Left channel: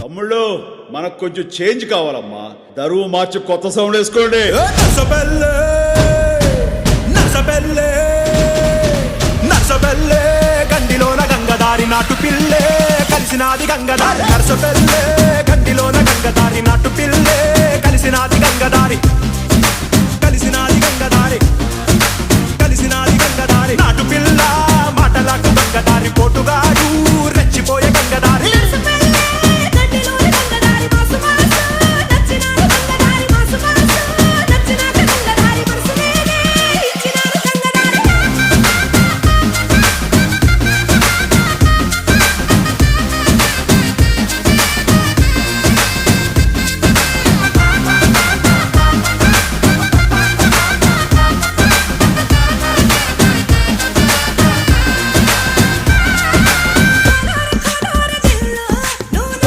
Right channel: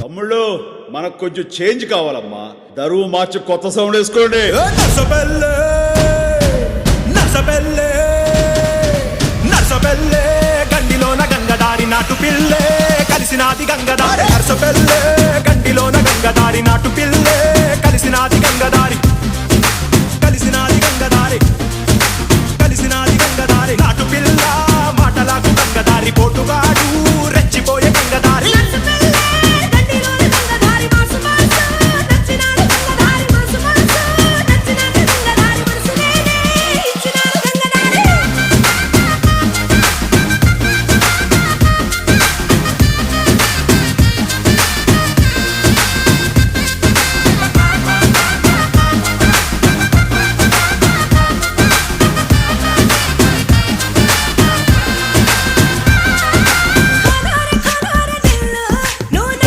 తమ్ముళ్ళు మనకు కొంచెం చేంజ్ కావాలమ్మా. దరువు మార్చి కొత్త సౌండ్ వేసుకోండి. నర్సపల్లె నర్సపల్లె నర్సపల్లె గండిలోన గంగదారి నాటు పిల్లే కలిసినాది గంగదారి నర్సపల్లె